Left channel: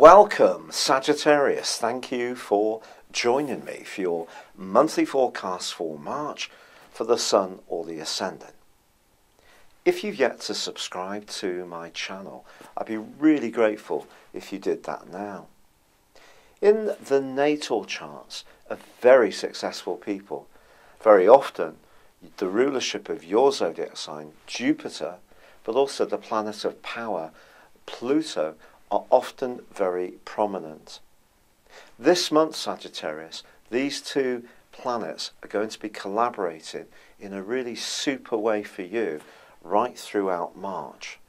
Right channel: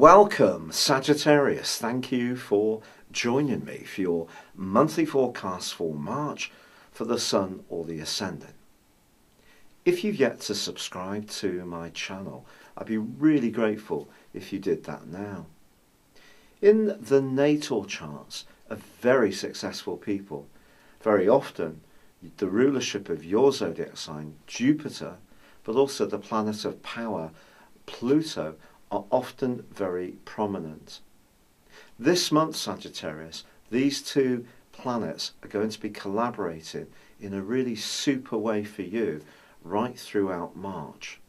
Welcome, Sagittarius. Thank you for joining me for your monthly forecast for March for the Sun or the Ascendant. If you've yet to subscribe to my channel, I'd be really grateful if you did that now. In the natal charts of very successful people, very often the rulership of your zodiac sign, Jupiter, but also the planet of power, Pluto, are often very prominent. This month, Sagittarius, these two planets are going to be collaborating in a really super way for you right throughout March.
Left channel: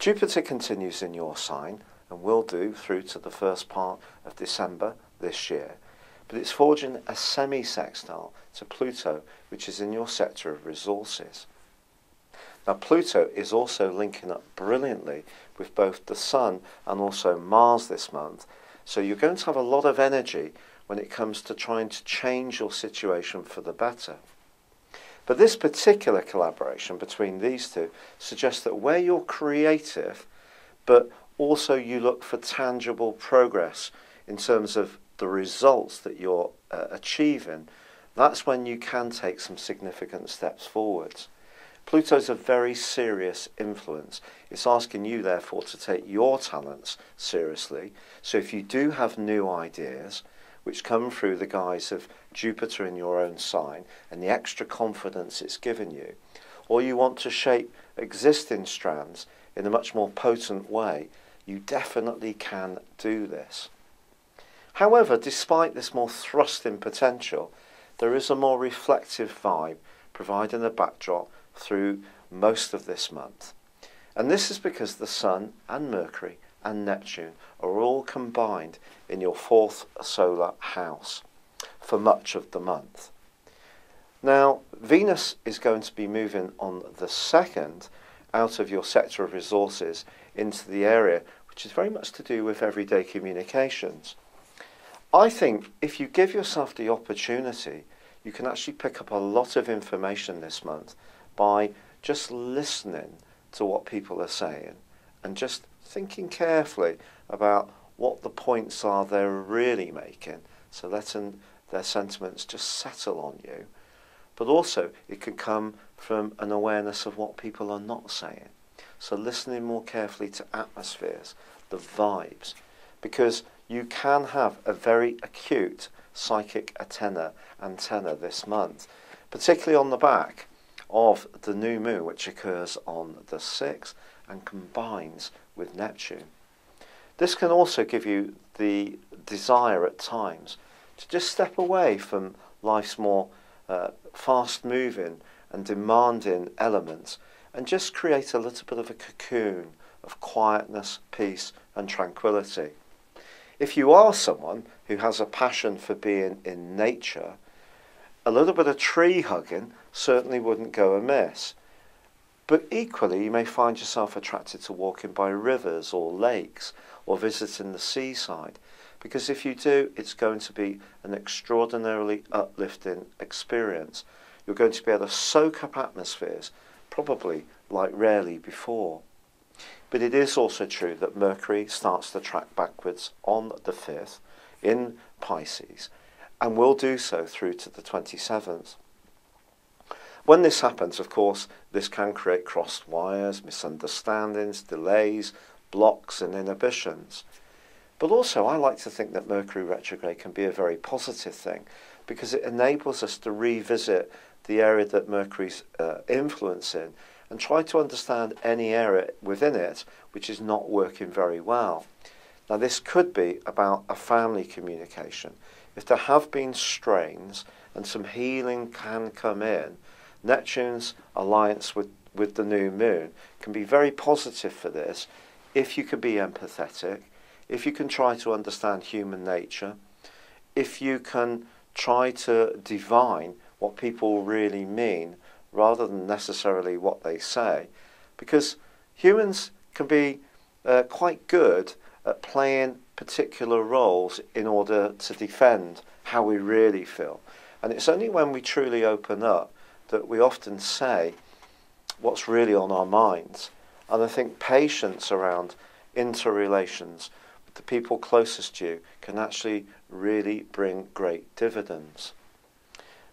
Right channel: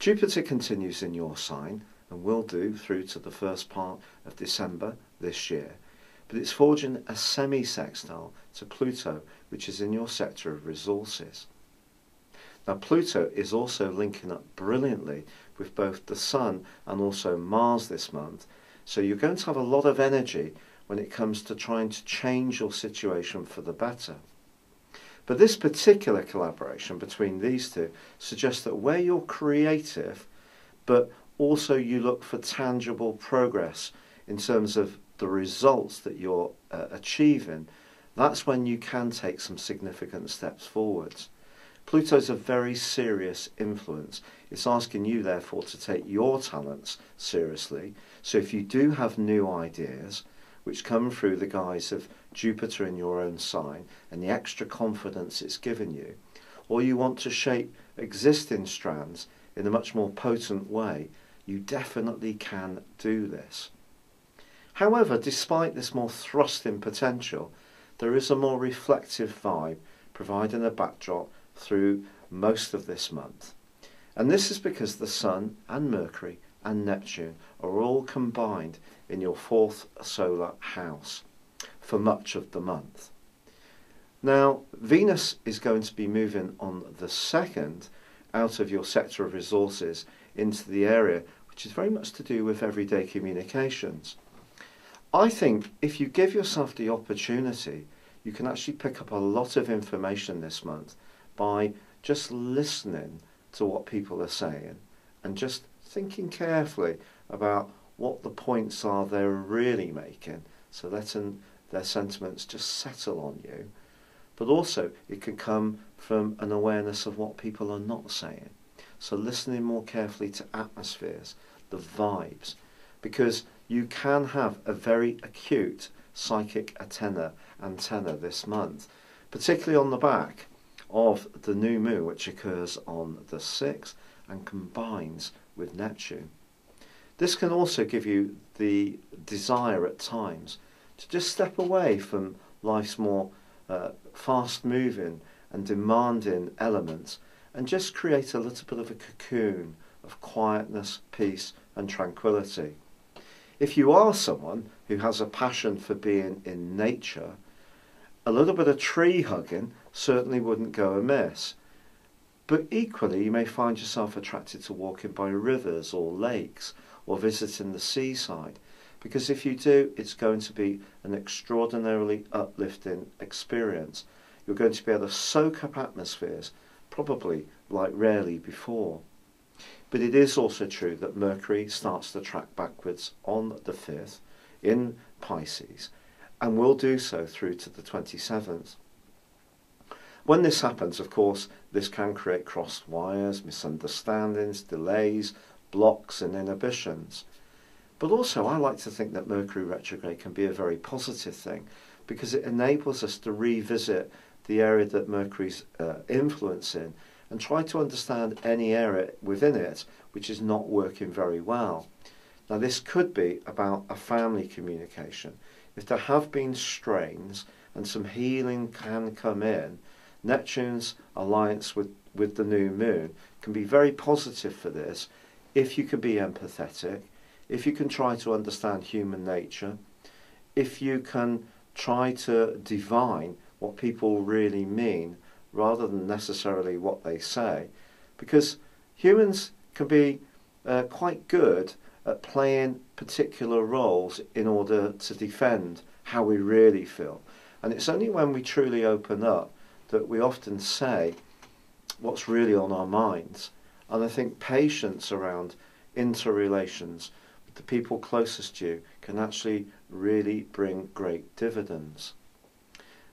Jupiter continues in your sign and will do through to the first part of December this year, but it's forging a semi-sextile to Pluto, which is in your sector of resources. Now, Pluto is also linking up brilliantly with both the Sun and also Mars this month, so you're going to have a lot of energy when it comes to trying to change your situation for the better. But this particular collaboration between these two suggests that where you're creative, but also you look for tangible progress in terms of the results that you're achieving, that's when you can take some significant steps forwards. Pluto's a very serious influence. It's asking you, therefore, to take your talents seriously. So if you do have new ideas, which come through the guise of Jupiter in your own sign and the extra confidence it's given you, or you want to shape existing strands in a much more potent way, you definitely can do this. However, despite this more thrusting potential, there is a more reflective vibe providing a backdrop through most of this month. And this is because the Sun and Mercury and Neptune are all combined in your fourth solar house for much of the month. Now, Venus is going to be moving on the 2nd out of your sector of resources into the area which is very much to do with everyday communications. I think if you give yourself the opportunity, you can actually pick up a lot of information this month by just listening to what people are saying and just thinking carefully about what the points are they're really making, so letting their sentiments just settle on you. But also it could come from an awareness of what people are not saying. So listening more carefully to atmospheres, the vibes, because you can have a very acute psychic antenna this month, particularly on the back of the new moon, which occurs on the 6th and combines with Neptune. This can also give you the desire at times to just step away from life's more fast-moving and demanding elements and just create a little bit of a cocoon of quietness, peace and tranquility. If you are someone who has a passion for being in nature, a little bit of tree hugging certainly wouldn't go amiss. But equally, you may find yourself attracted to walking by rivers or lakes or visiting the seaside, because if you do, it's going to be an extraordinarily uplifting experience. You're going to be able to soak up atmospheres, probably like rarely before. But it is also true that Mercury starts to track backwards on the 5th in Pisces, and will do so through to the 27th. When this happens, of course, this can create crossed wires, misunderstandings, delays, blocks and inhibitions. But also I like to think that Mercury retrograde can be a very positive thing, because it enables us to revisit the area that Mercury's influencing and try to understand any area within it which is not working very well. Now, this could be about a family communication. If there have been strains and some healing can come in, Neptune's alliance with the new moon can be very positive for this if you can be empathetic, if you can try to understand human nature, if you can try to divine what people really mean rather than necessarily what they say, because humans can be quite good at playing particular roles in order to defend how we really feel. And it's only when we truly open up that we often say what's really on our minds. And I think patience around interrelations the people closest to you can actually really bring great dividends.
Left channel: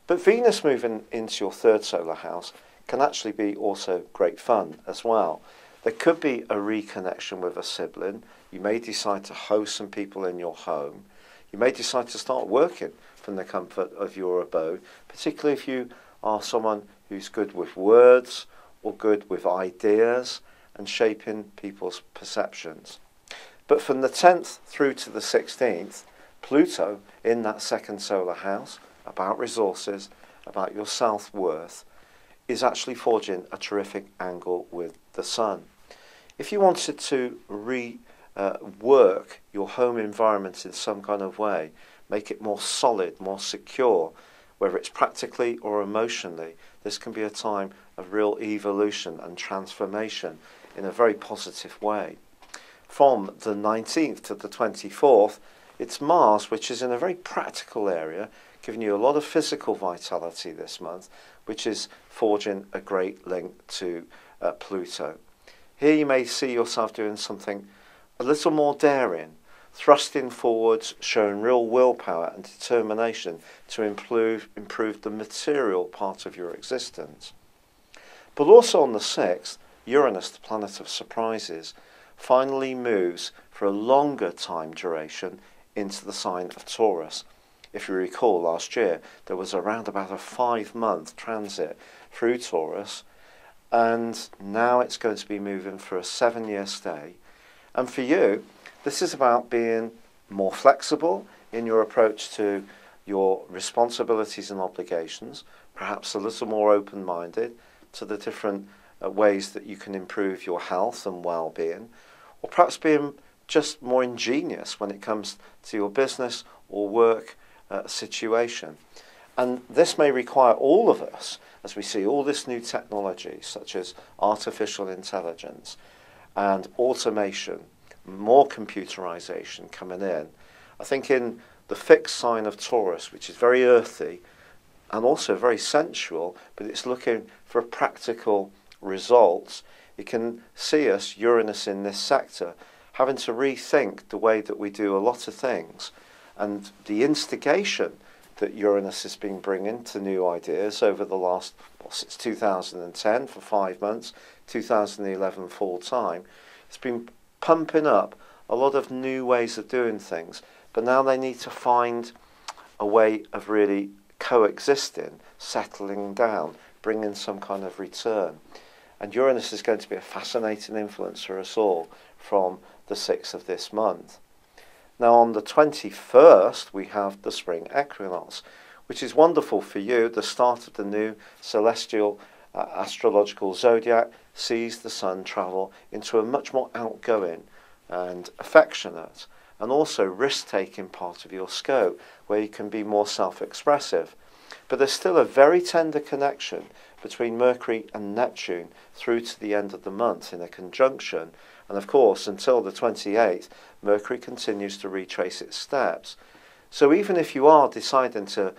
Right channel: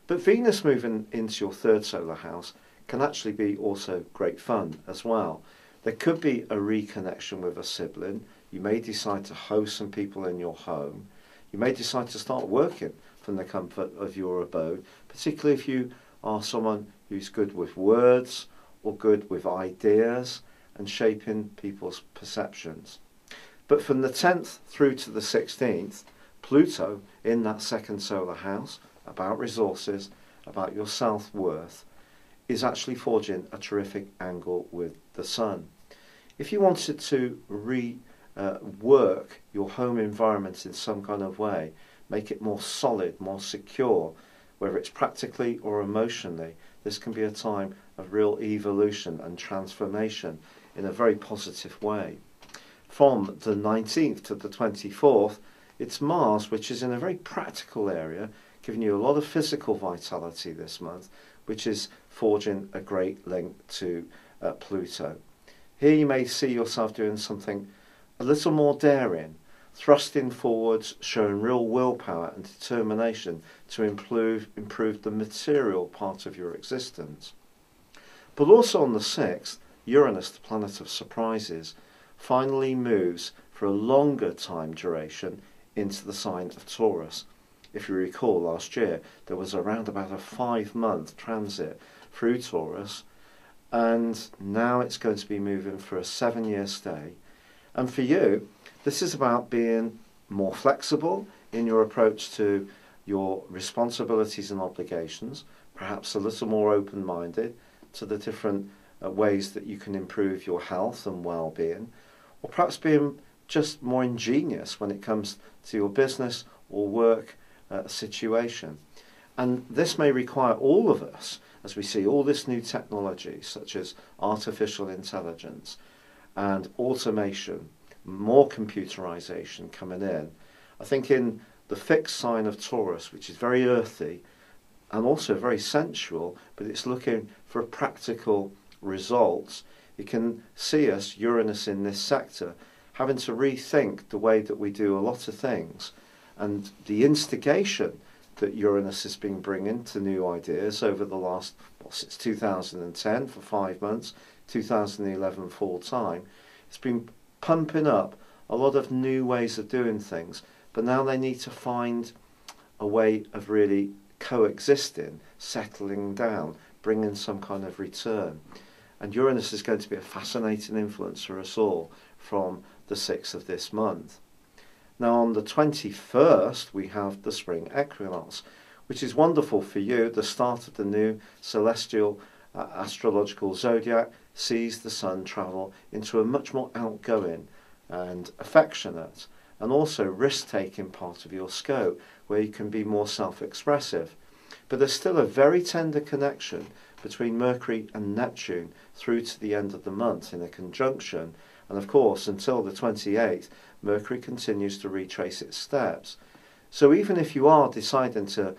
But Venus moving into your third solar house can actually be also great fun as well. There could be a reconnection with a sibling. You may decide to host some people in your home. You may decide to start working from the comfort of your abode, particularly if you are someone who's good with words or good with ideas and shaping people's perceptions. But from the 10th through to the 16th, Pluto in that second solar house, about resources, about your self-worth, is actually forging a terrific angle with the Sun. If you wanted to rework your home environment in some kind of way, make it more solid, more secure, whether it's practically or emotionally, this can be a time of real evolution and transformation in a very positive way. From the 19th to the 24th, it's Mars, which is in a very practical area, giving you a lot of physical vitality this month, which is forging a great link to Pluto. Here you may see yourself doing something a little more daring, thrusting forwards, showing real willpower and determination to improve the material part of your existence. But also on the 6th, Uranus, the planet of surprises, finally moves for a longer time duration into the sign of Taurus. If you recall, last year there was around about a 5-month transit through Taurus, and now it's going to be moving for a 7-year stay. And for you, this is about being more flexible in your approach to your responsibilities and obligations, perhaps a little more open-minded to the different ways that you can improve your health and well-being, or perhaps being just more ingenious when it comes to your business or work situation. And this may require all of us, as we see all this new technology, such as artificial intelligence and automation, more computerization coming in. I think in the fixed sign of Taurus, which is very earthy and also very sensual, but it's looking for practical results, you can see us, Uranus in this sector, having to rethink the way that we do a lot of things. And the instigation that Uranus has been bringing to new ideas over the last, since 2010 for 5 months, 2011 full time, it's been pumping up a lot of new ways of doing things. But now they need to find a way of really coexisting, settling down, bringing some kind of return. And Uranus is going to be a fascinating influence for us all from the 6th of this month. Now on the 21st, we have the spring equinox, which is wonderful for you. The start of the new celestial astrological zodiac sees the sun travel into a much more outgoing and affectionate and also risk-taking part of your scope, where you can be more self-expressive. But there's still a very tender connection between Mercury and Neptune through to the end of the month in a conjunction. And of course, until the 28th, Mercury continues to retrace its steps. So even if you are deciding to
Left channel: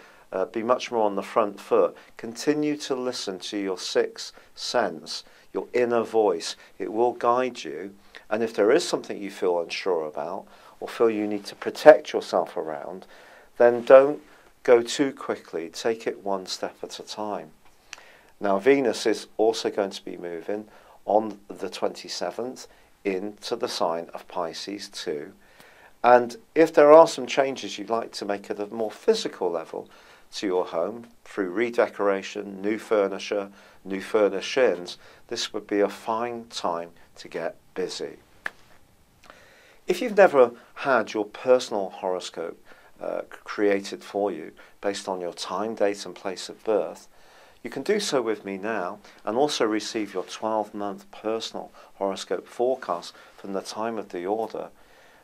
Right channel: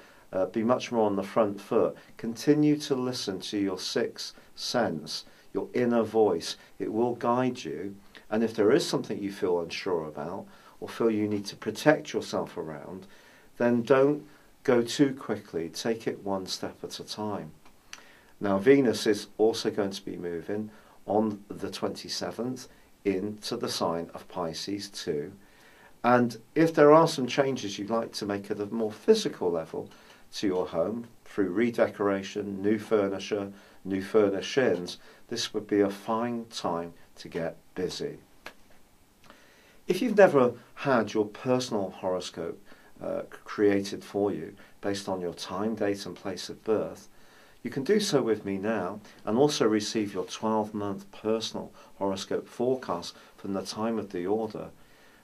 be much more on the front foot, continue to listen to your sixth sense, your inner voice. It will guide you. And if there is something you feel unsure about or feel you need to protect yourself around, then don't go too quickly. Take it one step at a time. Now, Venus is also going to be moving on the 27th into the sign of Pisces too. And if there are some changes you'd like to make at a more physical level to your home through redecoration, new furniture, new furnishings, this would be a fine time to get busy. If you've never had your personal horoscope created for you based on your time, date and place of birth, you can do so with me now and also receive your 12-month personal horoscope forecast from the time of the order.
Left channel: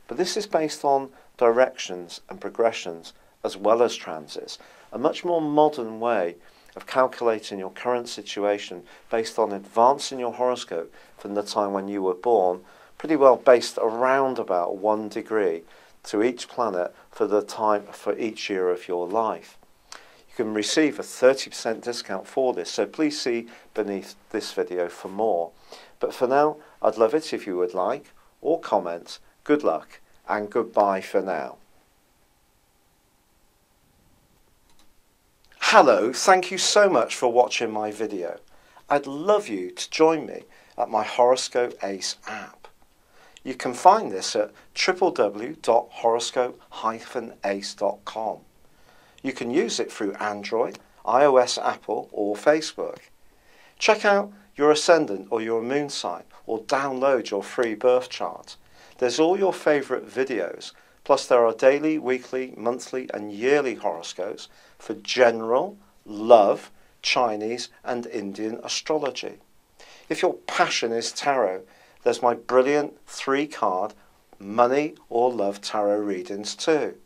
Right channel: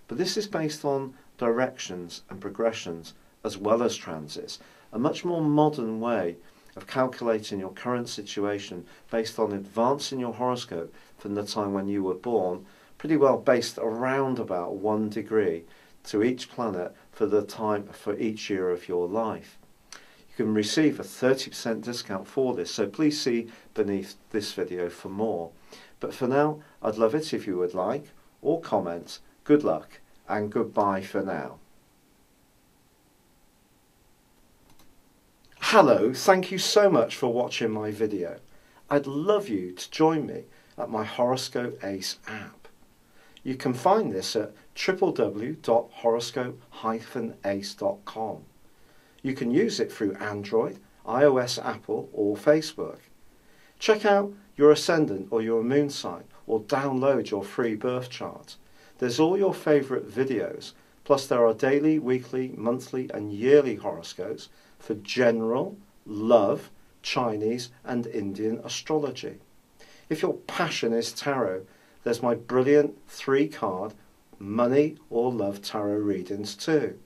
But this is based on directions and progressions as well as transits, a much more modern way of calculating your current situation based on advancing your horoscope from the time when you were born, pretty well based around about 1 degree to each planet for the time for each year of your life. You can receive a 30% discount for this, so please see beneath this video for more. But for now, I'd love it if you would like or comment. Good luck and goodbye for now. Hello, thank you so much for watching my video. I'd love you to join me at my Horoscope Ace app. You can find this at www.horoscope-ace.com. You can use it through Android, iOS, Apple or Facebook. Check out your ascendant or your moon sign or download your free birth chart. There's all your favourite videos, plus there are daily, weekly, monthly and yearly horoscopes for general, love, Chinese and Indian astrology. If your passion is tarot, there's my brilliant 3-card money or love tarot readings too.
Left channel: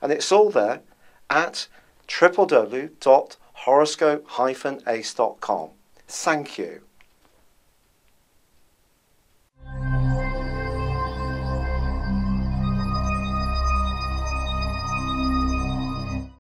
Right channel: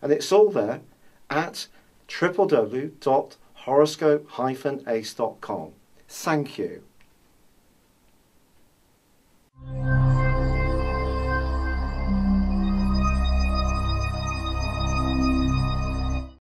And it's all there at www.horoscope-ace.com. Thank you.